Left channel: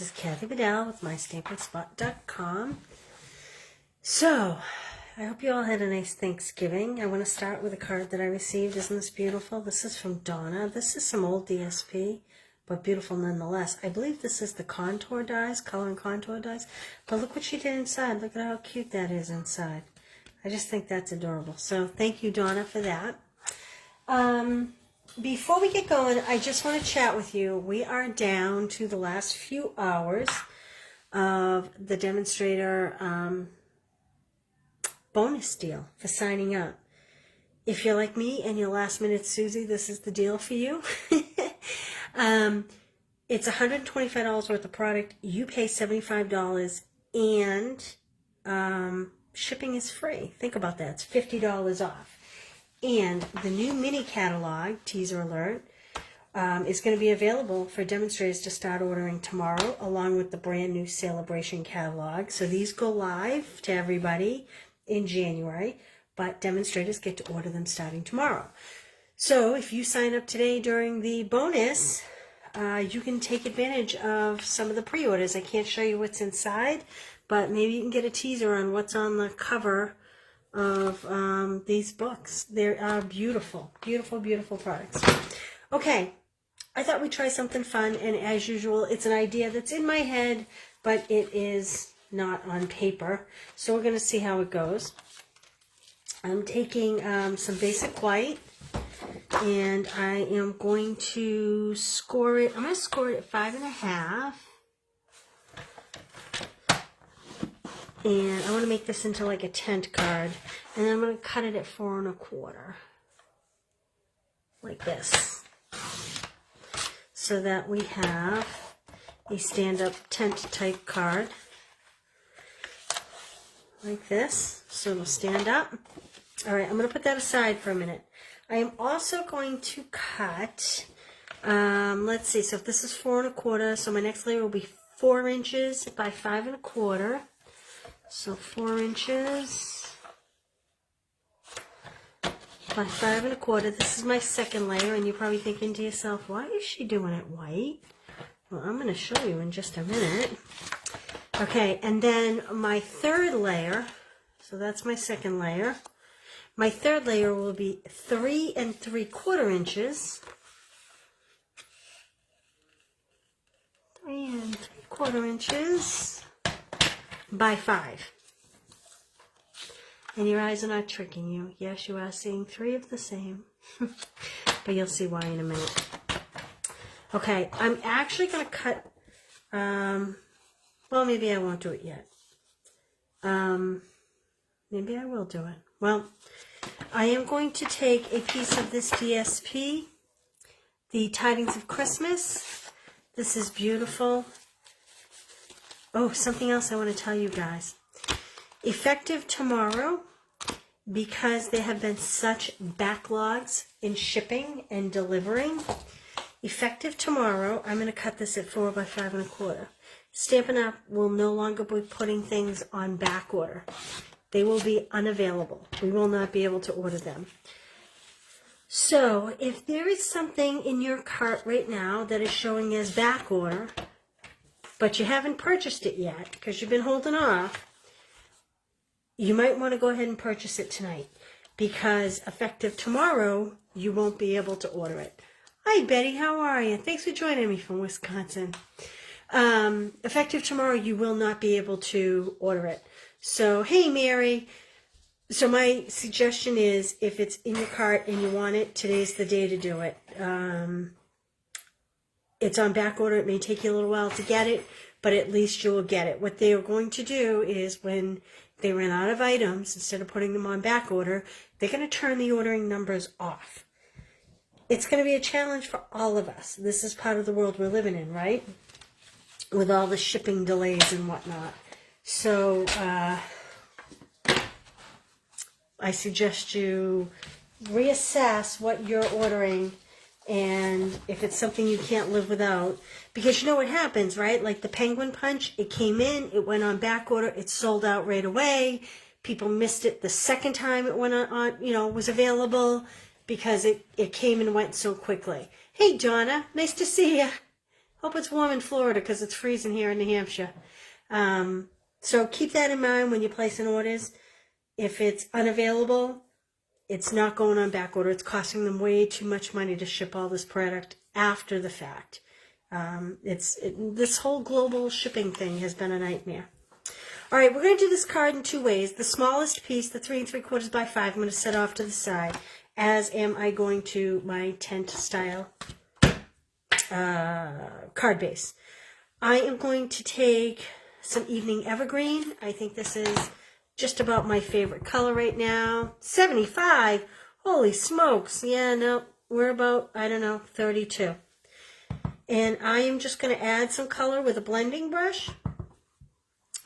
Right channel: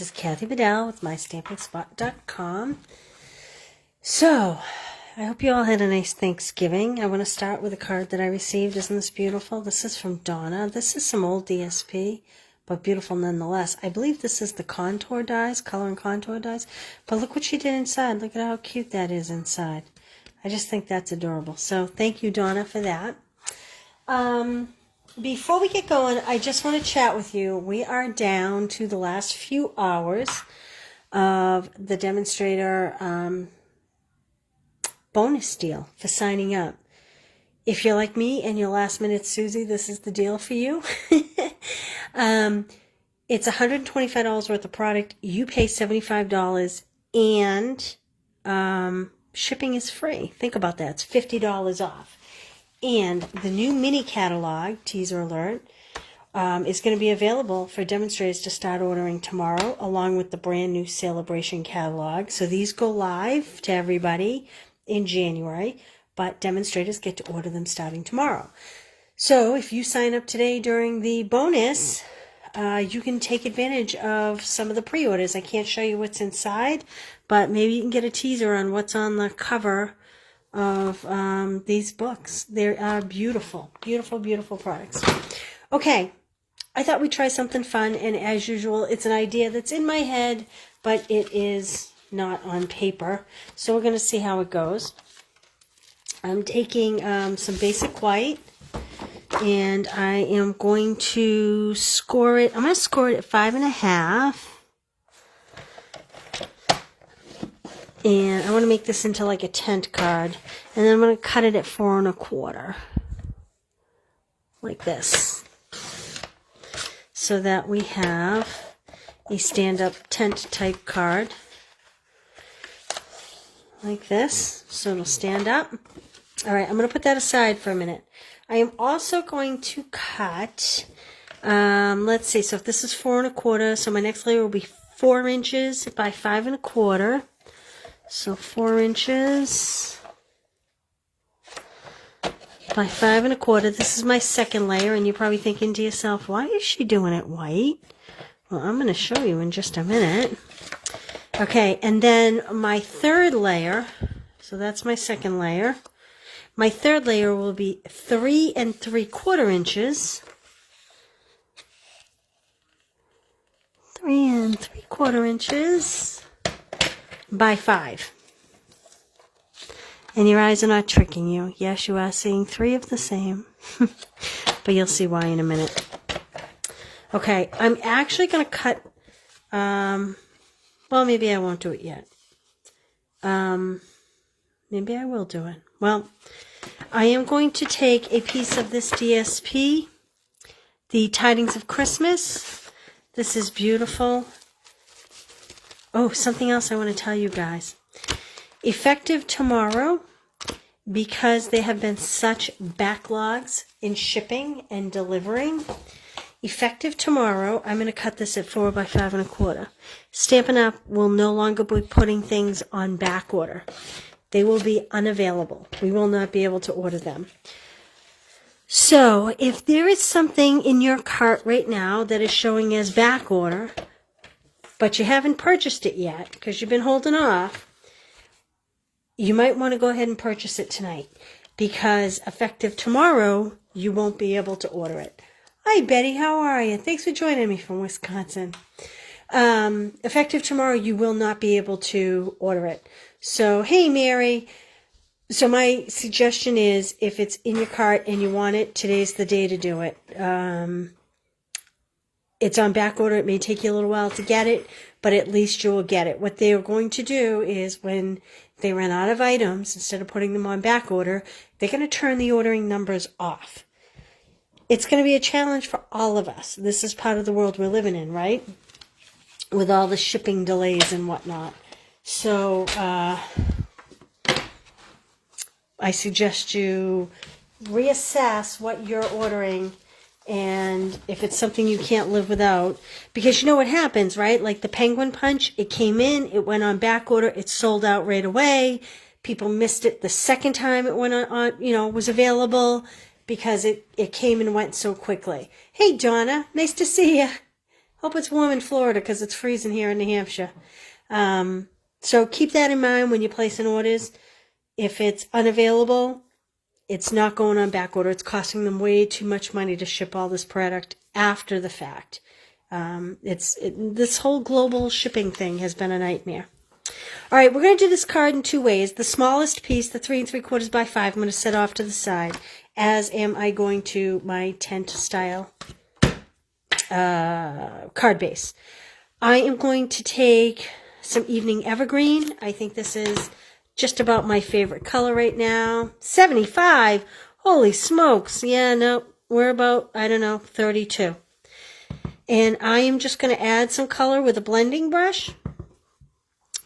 This is Kathy Vidal with MyStampingSpot.com. So, I hope you all had a nice Thanksgiving. I want to start with a card that I received. Isn't this beautiful? This is from Donna. This is some old DSP, but beautiful nonetheless. I believe this is the contour dies, color and contour dies. But look what she did inside. Look at how cute that is inside. I just think that's adorable. So, thank you, Donna, for that. Before we get going, I just want to chat with you. We are down to the last few hours of the demonstrator bonus deal for signing up. If you're like me and you're last minute Susie, this is the deal for you. It's $125 worth of product. You pay $75 and shipping is free. Think about that. It's $50 off. And the new mini catalog, teaser alert, is going to be available for demonstrators to start ordering tomorrow, along with the brand new celebration catalog. So these go live to everybody in January, but demonstrators get to order them starting tomorrow. So if you sign up today during the bonus, you can take advantage of some of the pre-orders. I can't show you what's inside, but maybe you can get a teaser on what's on the cover of these books. They are beautiful, beautiful, beautiful products. Okay, I thought we'd try something fun, and as usual, it's an idea that's in my head, but it is not on paper. So we're going to see how it goes. I'm taking some basic white, and I am going to score it. I'm going to score it at 5.5. And I want to make this into like a tent card. And then I'm going to cut it at 4 1/4. Like this. So that we have a stand-up tent type card. Like this. So it'll stand up. Alright, I'm going to put that aside for a minute. I am also going to cut, let's see, so if this is 4 1/4, so my next layer will be 4 inches by 5 1/4. So 4 inches by 5 1/4. This is my second layer, and you're probably thinking to yourself, why is she doing it white? Well, I'm going to show you in just a minute. Okay, and then my third layer, so that's my second layer. My third layer will be 3 3/4 inches. 3 3/4 inches. By 5. And your eyes are not tricking you. Yes, you are seeing 3 of the same. But you'll see why in a minute. Okay, I'm actually going to cut, well, maybe I won't do it yet. Maybe I will do it. Well, I am going to take a piece of this DSP, the Tidings of Christmas. This is beautiful. Oh, something else I want to tell you guys. Effective tomorrow, because there have been such backlogs in shipping and delivering, effective tomorrow, I'm going to cut this at 4 by 5 1/4. Stampin' Up! Will no longer be putting things on back order. They will be unavailable. We will not be able to order them. So, if there is something in your cart right now that is showing as back order, but you haven't purchased it yet because you've been holding off, you might want to go ahead and purchase it tonight, because effective tomorrow, you won't be able to order it. Hi, Betty. How are you? Thanks for joining me from Wisconsin. Effective tomorrow, you will not be able to order it. So, hey, Mary. So my suggestion is, if it's in your cart and you want it, today's the day to do it. It's on back order. It may take you a little while to get it, but at least you will get it. What they are going to do is, when they run out of items, instead of putting them on back order, they're going to turn the ordering numbers off. It's going to be a challenge for all of us. This is part of the world we're living in, right? With all the shipping delays and whatnot. So I suggest you reassess what you're ordering, and if it's something you can't live without, because you know what happens, right? Like the Penguin Punch, it came in, it went on back order, it sold out right away. People missed it the second time it went on, was available, because it came and went so quickly. Hey, Donna, nice to see you. Hope it's warm in Florida because it's freezing here in New Hampshire. So keep that in mind when you're placing orders. If it's unavailable, it's not going on back order. It's costing them way too much money to ship all this product after the fact. This whole global shipping thing has been a nightmare. All right, we're going to do this card in two ways. The smallest piece, the 3 3/4 by 5, I'm going to set off to the side, as am I going to my tent style card base. I am going to take some Evening Evergreen. I think this is just about my favorite color right now. 75. Holy smokes. Yeah, no, we're about, I don't know, 32. And I am just going to add some color with a blending brush.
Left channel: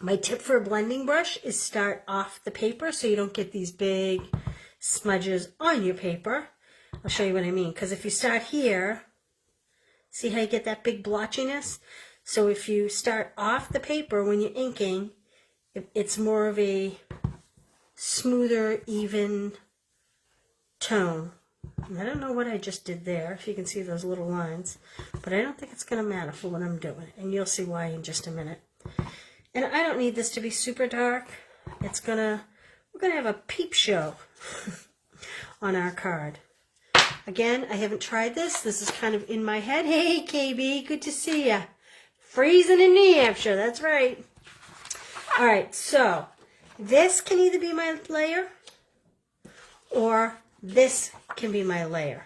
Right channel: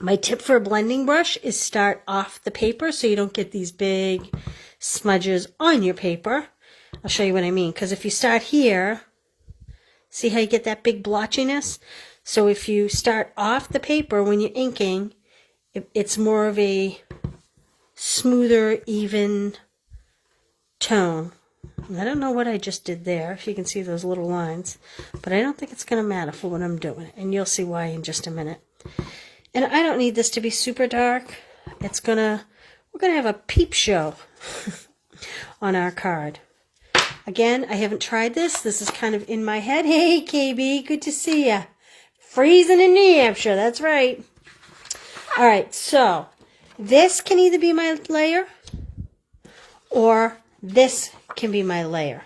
My tip for a blending brush is start off the paper so you don't get these big smudges on your paper. I'll show you what I mean. Because if you start here, see how you get that big blotchiness? So if you start off the paper when you're inking, it's more of a smoother, even tone. And I don't know what I just did there, if you can see those little lines, but I don't think it's going to matter for what I'm doing, and you'll see why in just a minute. And I don't need this to be super dark. We're gonna have a peep show on our card. Again, I haven't tried this. This is kind of in my head. Hey, KB, good to see ya. Freezing in New Hampshire, that's right. All right, so this can either be my layer or this can be my layer.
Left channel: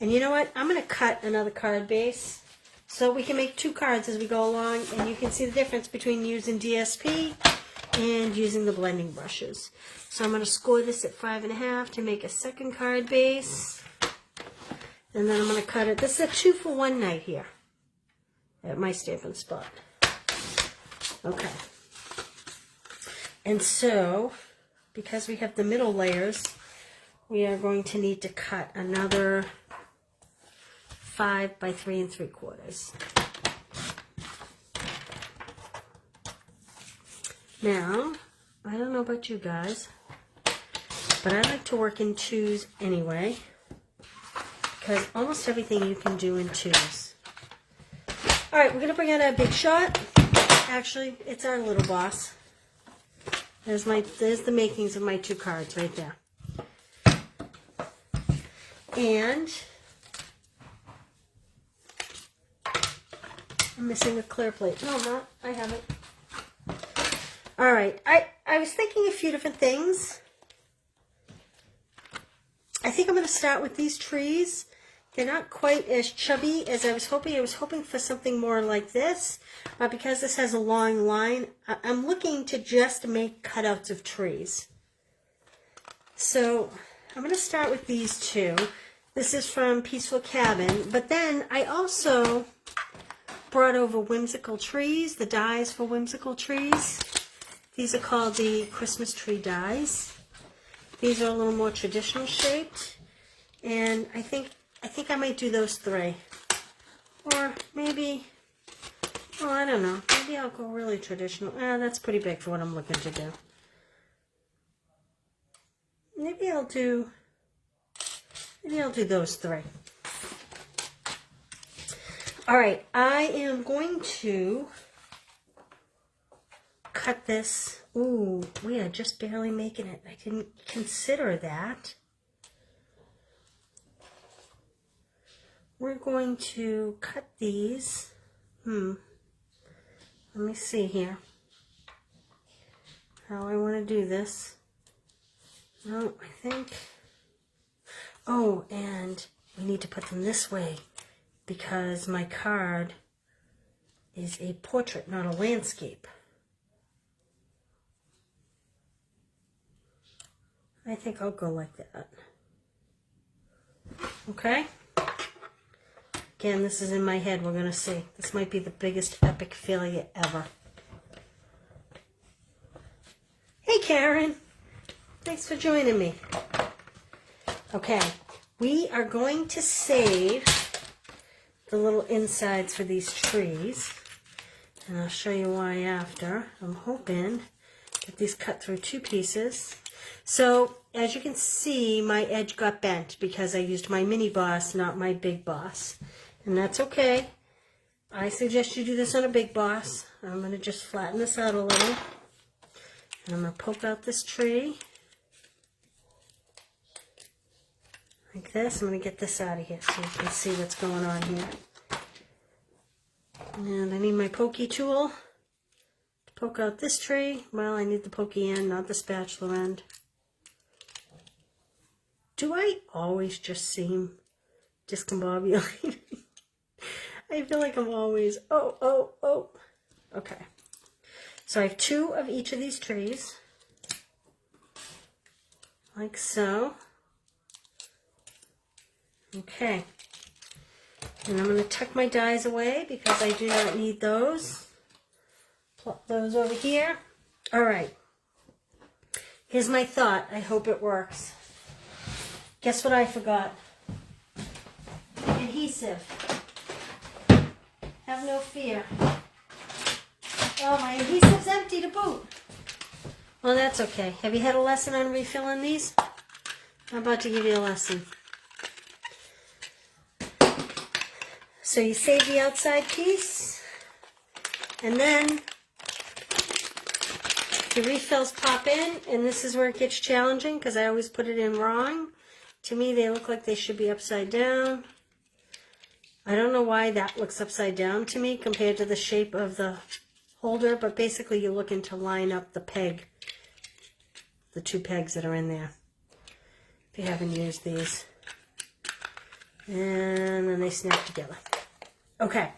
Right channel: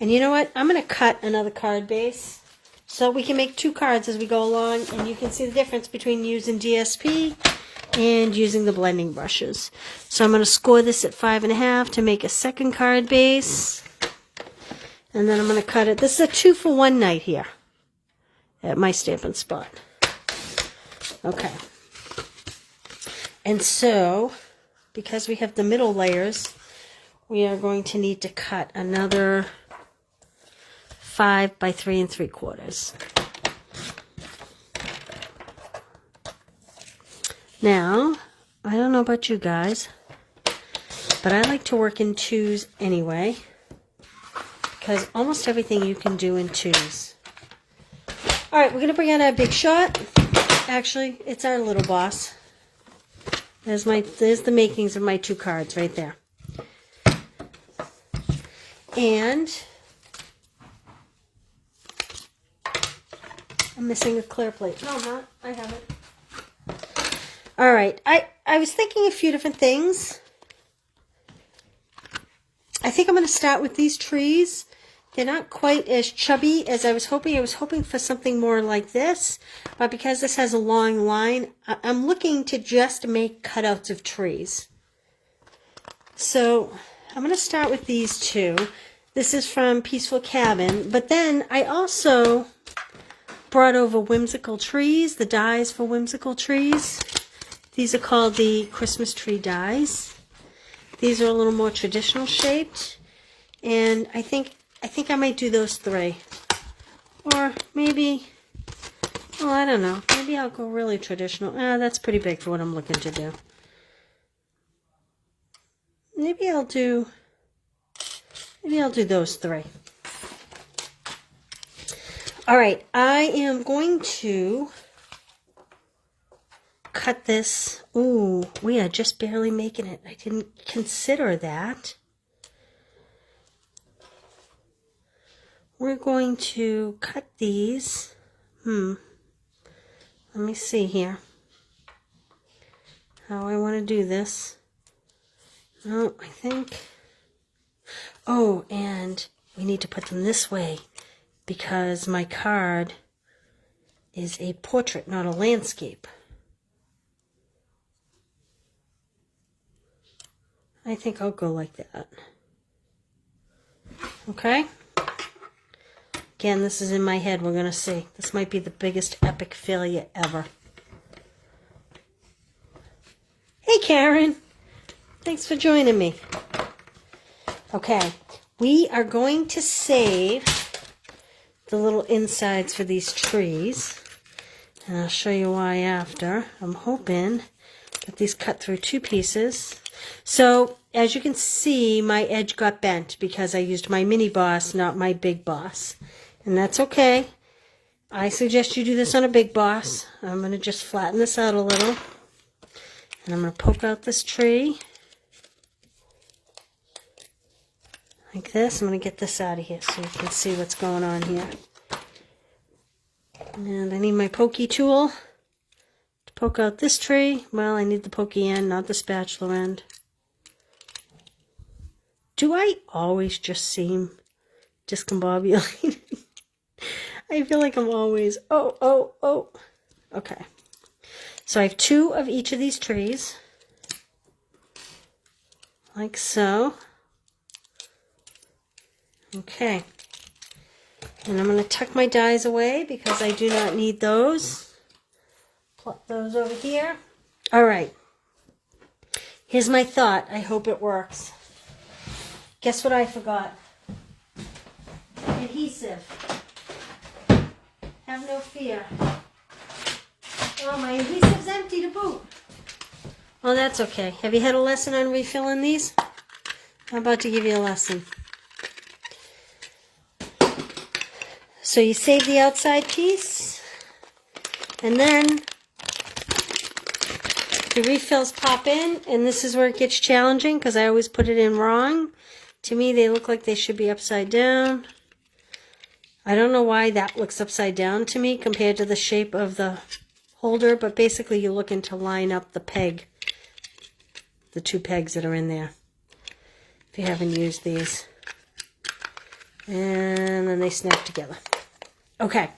And you know what? I'm going to cut another card base so we can make two cards as we go along, and you can see the difference between using DSP and using the blending brushes. So I'm going to score this at 5.5 to make a second card base. And then I'm going to cut it. This is a 2-for-1 night here at my Stampin' Spot. Okay. And so, because we have the middle layers, we are going to need to cut another 5 by 3 3/4. Now, I don't know about you guys, but I like to work in twos anyway, because almost everything you can do in twos. All right, we're going to bring out our big shot. Actually, it's our little boss. There's the makings of my two cards right there. And I'm missing a clear plate. No, I'm not. I have it. All right. I was thinking a few different things. I think I'm going to start with these trees. They're not quite as chubby as I was hoping. I was hoping for something more like this, but because this has a long line, I'm looking to just make cutouts of trees. So I'm going to start with these two. This is from Peaceful Cabin, but then I also brought over Whimsical Trees, the dies for Whimsical Trees. These are called the Christmas Tree Dies. These are a little more traditional shaped, and I think I might do those 3. Or maybe, well, I don't know. Maybe I'll go really traditional. That's pretty big for what I'm looking to do. Maybe I'll do those 3. All right, I am going to cut this. Ooh, we are just barely making it. I didn't consider that. We're going to cut these. Let me see here how I want to do this. No, I think. Oh, and we need to put them this way because my card is a portrait, not a landscape. I think I'll go like that. Okay? Again, this is in my head. We're going to see. This might be the biggest epic failure ever. Hey, Karen. Thanks for joining me. Okay. We are going to save the little insides for these trees. And I'll show you why after. I'm hoping that these cut through 2 pieces. So, as you can see, my edge got bent because I used my mini boss, not my big boss. And that's okay. I suggest you do this on a big boss. I'm going to just flatten this out a little. And I'm going to poke out this tree. Like this. I'm going to get this out of here so you can see what's going on here. And I need my pokey tool to poke out this tree. Well, I need the pokey end, not the spatula end. Do I always just seem discombobulated? I feel like I'm always, oh. Okay. So I have 2 of each of these trees. Like so. Okay. And I'm going to tuck my dies away because I do not need those. Plop those over here. All right. Here's my thought. I hope it works. Guess what I forgot? Adhesive. Have no fear. Well, my adhesive's empty to boot. Well, that's okay. Have you had a lesson on refilling these? I'm about to give you a lesson. So you save the outside piece, and then the refills pop in, and this is where it gets challenging because I always put it in wrong. To me, they look like they should be upside down. I don't know why that looks upside down to me compared to the shape of the holder, but basically you're looking to line up the peg, the 2 pegs that are in there, if you haven't used these. And then they snap together. Okay,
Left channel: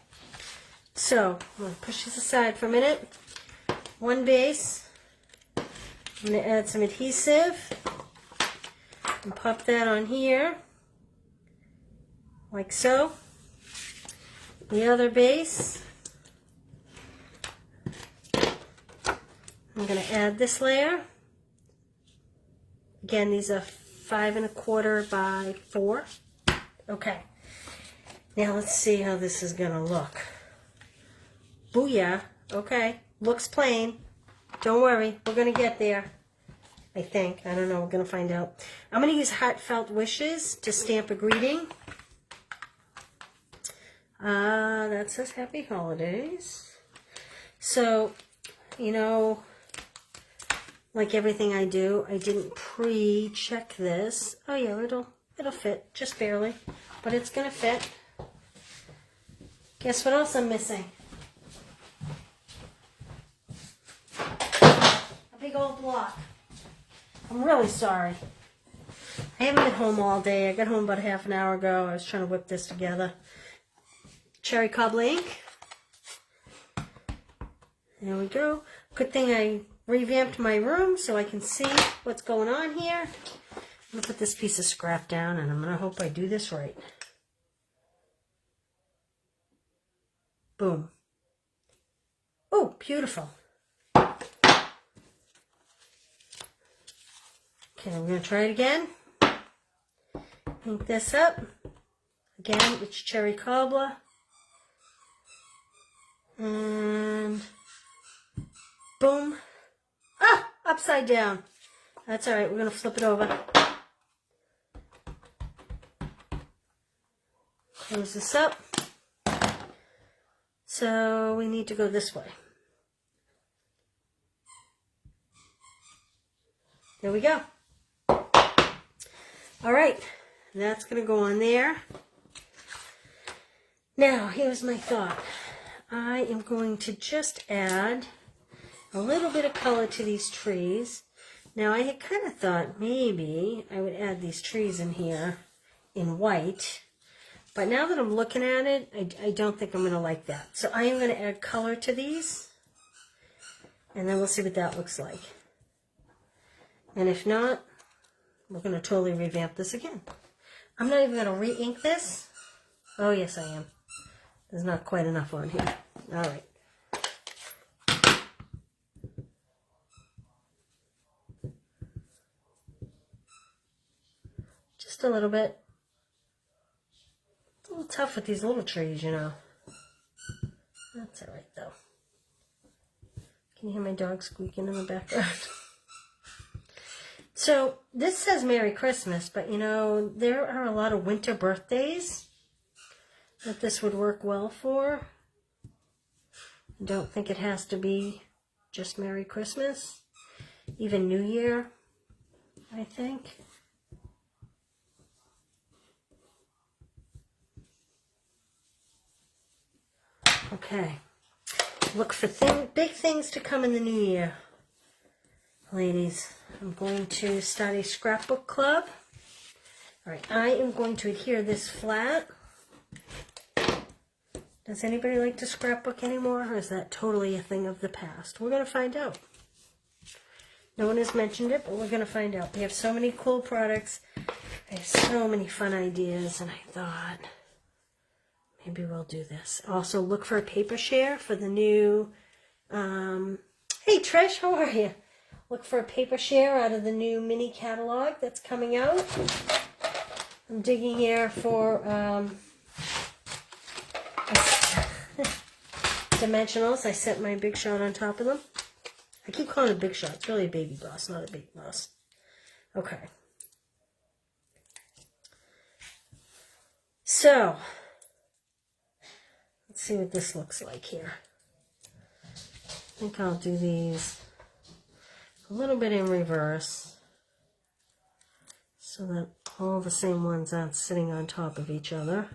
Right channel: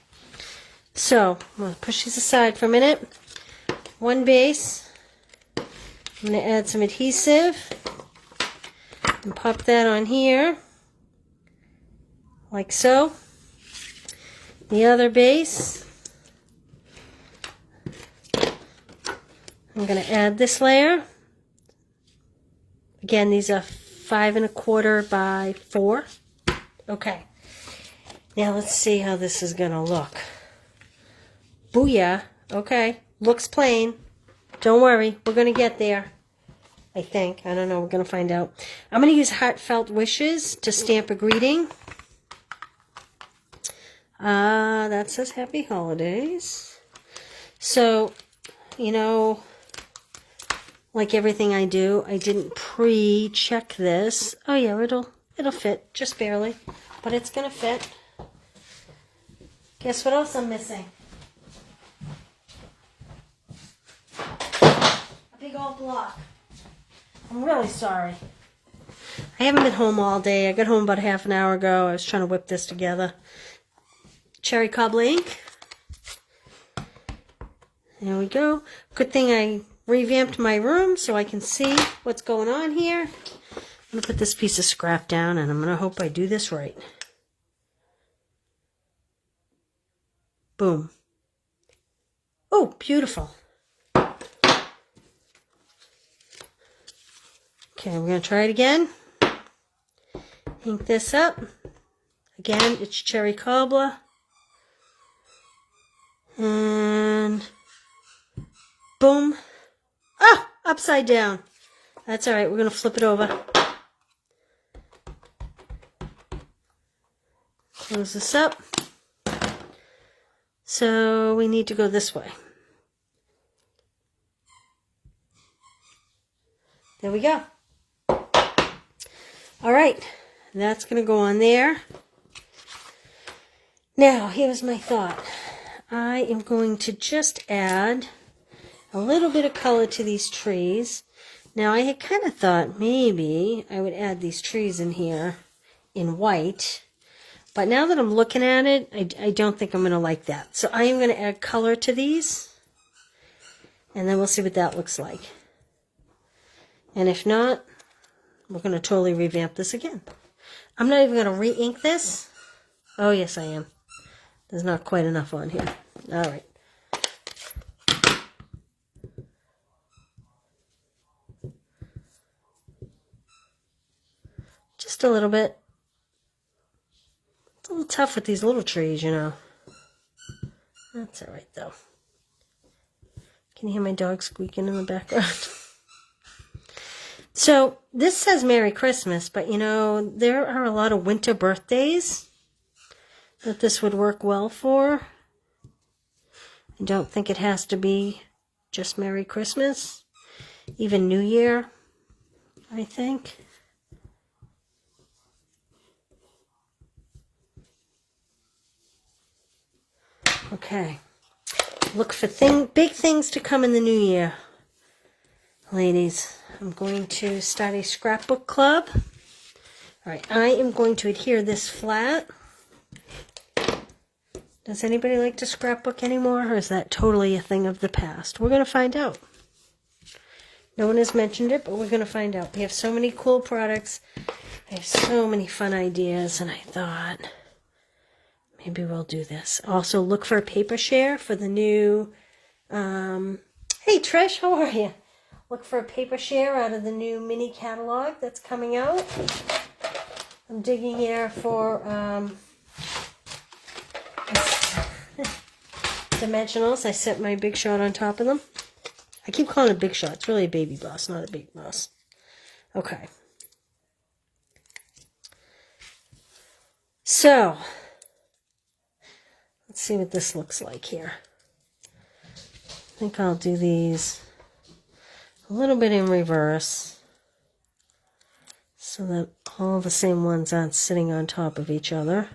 so I'm going to push these aside for a minute. 1 base. I'm going to add some adhesive and pop that on here, like so. The other base, I'm going to add this layer. Again, these are 5 1/4 by 4. Okay. Now let's see how this is going to look. Booyah. Okay. Looks plain. Don't worry. We're going to get there. I think. I don't know. We're going to find out. I'm going to use Heartfelt Wishes to stamp a greeting. That says Happy Holidays. So, you know, like everything I do, I didn't pre-check this. Oh yeah, it'll fit, just barely, but it's gonna fit. Guess what else I'm missing? A big old block. I'm really sorry. I haven't been home all day. I got home about half an hour ago. I was trying to whip this together. Cherry cobbler ink. There we go. Good thing I revamped my room so I can see what's going on here. I'm going to put this piece of scrap down, and I'm going to hope I do this right. Boom. Oh, beautiful. Okay, we're going to try it again. Ink this up. Again, it's cherry cobbler. And boom. Ah, upside down. That's all right. We're going to flip it over. Close this up. So we need to go this way. There we go. All right. That's going to go on there. Now, here's my thought. I am going to just add a little bit of color to these trees. Now, I had kind of thought maybe I would add these trees in here in white. But now that I'm looking at it, I don't think I'm going to like that. So I am going to add color to these. And then we'll see what that looks like. And if not, we're going to totally revamp this again. I'm not even going to re-ink this. Oh, yes, I am. There's not quite enough on here. All right. Just a little bit. It's a little tough with these little trees, you know. That's all right, though. Can you hear my dog squeaking in the background? So, this says Merry Christmas, but, you know, there are a lot of winter birthdays that this would work well for. I don't think it has to be just Merry Christmas, even New Year, I think. Okay. Look for big things to come in the new year, ladies. I'm going to start a scrapbook club. All right, I am going to adhere this flat. Does anybody like to scrapbook anymore, or is that totally a thing of the past? We're going to find out. No one has mentioned it, but we're going to find out. We have so many cool products. I have so many fun ideas, and I thought maybe we'll do this. Also, look for a paper share for the new... hey, Trish, how are you? Look for a paper share out of the new mini catalog that's coming out. I'm digging here for dimensionals. I set my Big Shot on top of them. I keep calling it Big Shot. It's really a baby bus, not a big bus. Okay. So, let's see what this looks like here. I think I'll do these a little bit in reverse so that all the same ones aren't sitting on top of each other.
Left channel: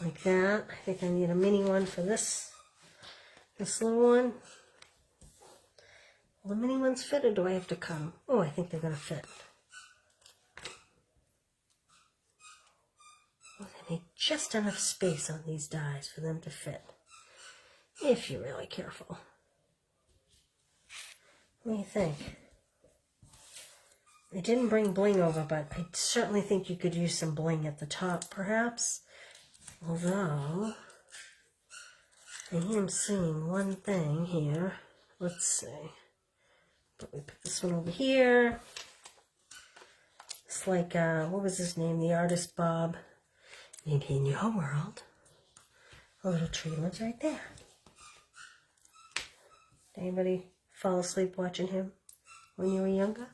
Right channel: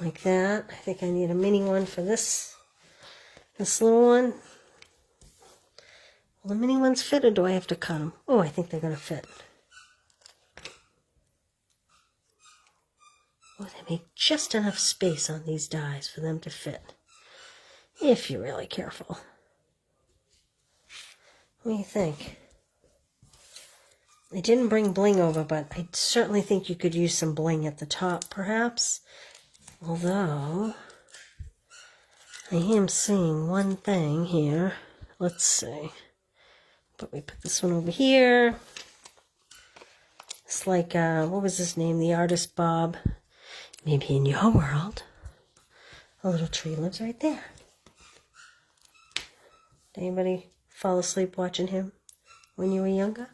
Like that. I think I need a mini one for this little one. Will the mini ones fit, or do I have to cut them? Oh, I think they're going to fit. Oh, they make just enough space on these dies for them to fit, if you're really careful. What do you think? I didn't bring bling over, but I certainly think you could use some bling at the top, perhaps. Although, I am seeing one thing here. Let's see. But we put this one over here. It's like, what was his name? The artist Bob. Maybe in your world, a little tree lives right there. Did anybody fall asleep watching him when you were younger?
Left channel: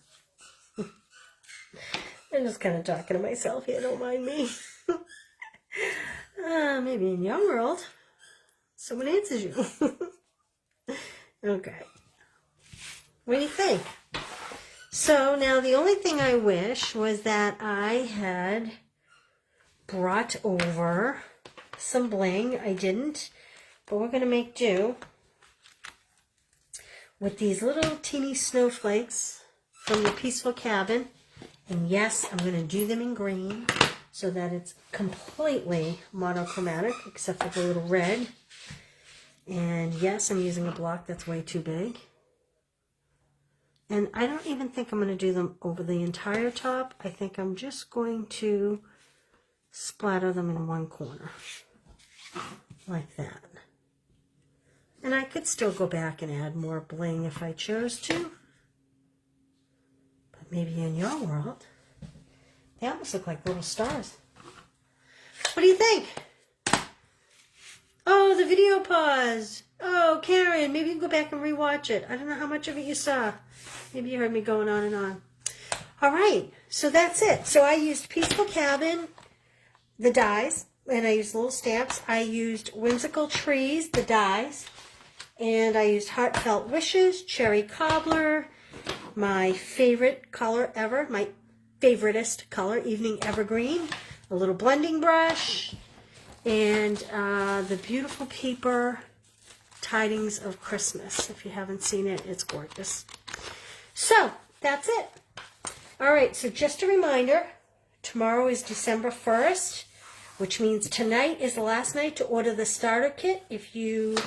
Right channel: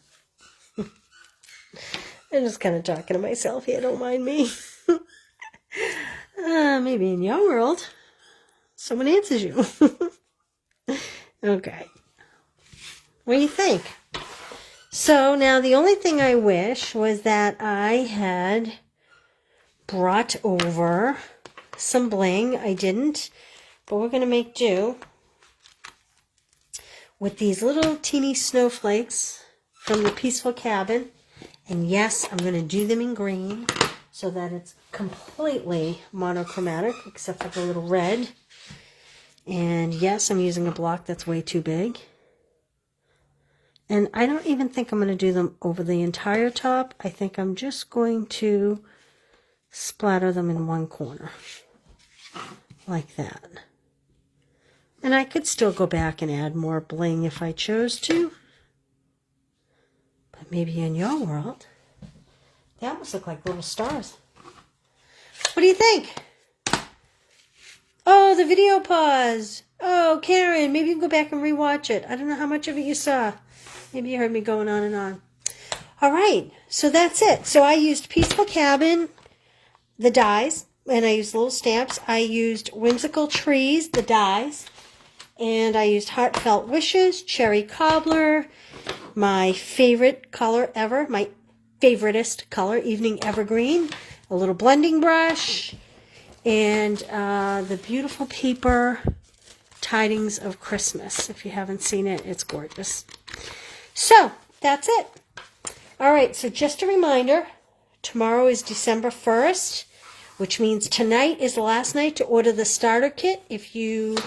I'm just kind of talking to myself here, don't mind me. Maybe in your world, someone answers you. Okay. What do you think? So now the only thing I wish was that I had brought over some bling. I didn't, but we're going to make do with these little teeny snowflakes from the Peaceful Cabin. And yes, I'm going to do them in green so that it's completely monochromatic except for the little red. And yes, I'm using a block that's way too big. And I don't even think I'm going to do them over the entire top. I think I'm just going to splatter them in one corner, like that. And I could still go back and add more bling if I chose to. But maybe in your world, they almost look like little stars. What do you think? Oh, the video paused. Oh, Karen, maybe you can go back and rewatch it. I don't know how much of it you saw. Maybe you heard me going on and on. All right, so that's it. So I used Peaceful Cabin, the dies, and I used little stamps. I used Whimsical Trees, the dies, and I used Heartfelt Wishes, Cherry Cobbler, my favorite color ever, my favoritist color, Evening Evergreen, a little blending brush, and the beautiful paper Tidings of Christmas. If you haven't seen it, it's gorgeous. So, that's it. All right, so just a reminder, tomorrow is December 1st, which means tonight is the last night to order the starter kit. If you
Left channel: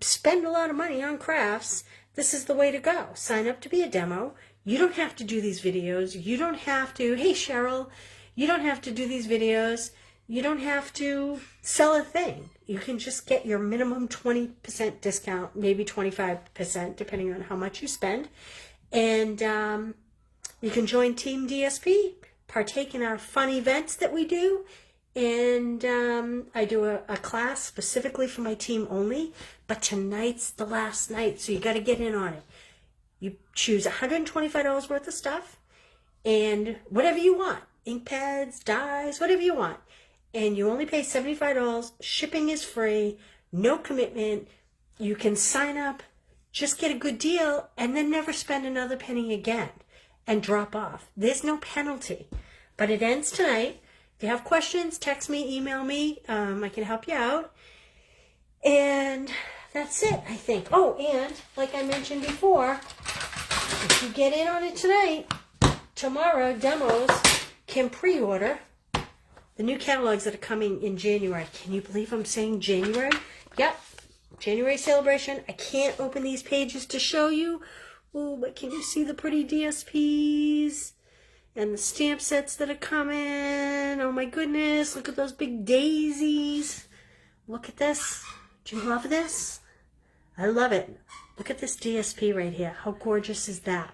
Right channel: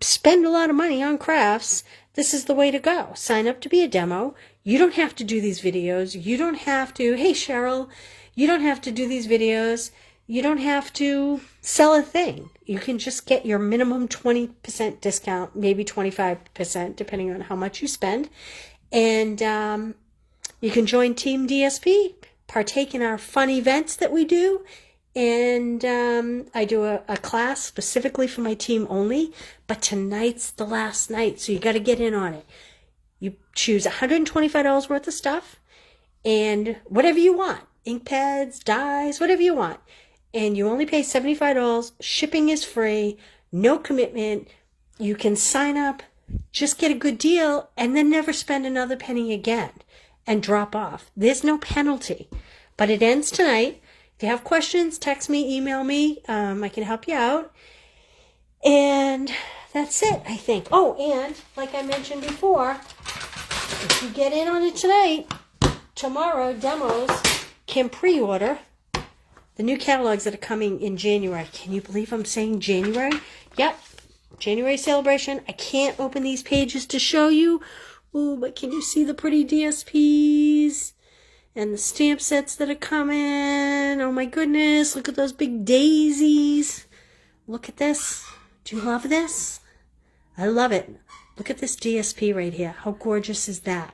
spend a lot of money on crafts, this is the way to go. Sign up to be a demo. You don't have to do these videos. You don't have to, hey Cheryl, you don't have to do these videos. You don't have to sell a thing. You can just get your minimum 20% discount, maybe 25%, depending on how much you spend. And you can join Team DSP, partake in our fun events that we do. And I do a class specifically for my team only. But tonight's the last night, so you got to get in on it. You choose $125 worth of stuff and whatever you want. Ink pads, dies, whatever you want. and you only pay $75. Shipping is free, no commitment. You can sign up, just get a good deal, and then never spend another penny again and drop off. There's no penalty, but it ends tonight. If you have questions, text me, email me. I can help you out. And that's it, I think. Oh, and like I mentioned before, if you get in on it tonight, tomorrow, demos can pre-order the new catalogs that are coming in January. Can you believe I'm saying January? Yep, January celebration. I can't open these pages to show you. Ooh, but can you see the pretty DSPs and the stamp sets that are coming? Oh my goodness, look at those big daisies. Look at this. Do you love this? I love it. Look at this DSP right here. How gorgeous is that?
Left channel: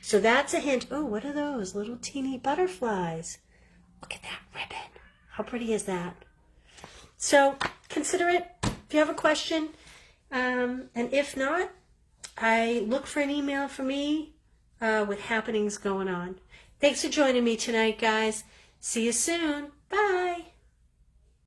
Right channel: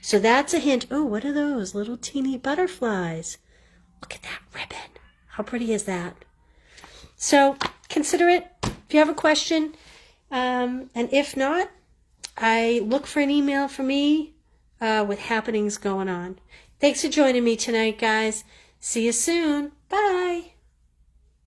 So that's a hint. Oh, what are those? Little teeny butterflies. Look at that ribbon. How pretty is that? So consider it if you have a question. And if not, I look for an email from me with happenings going on. Thanks for joining me tonight, guys. See you soon. Bye.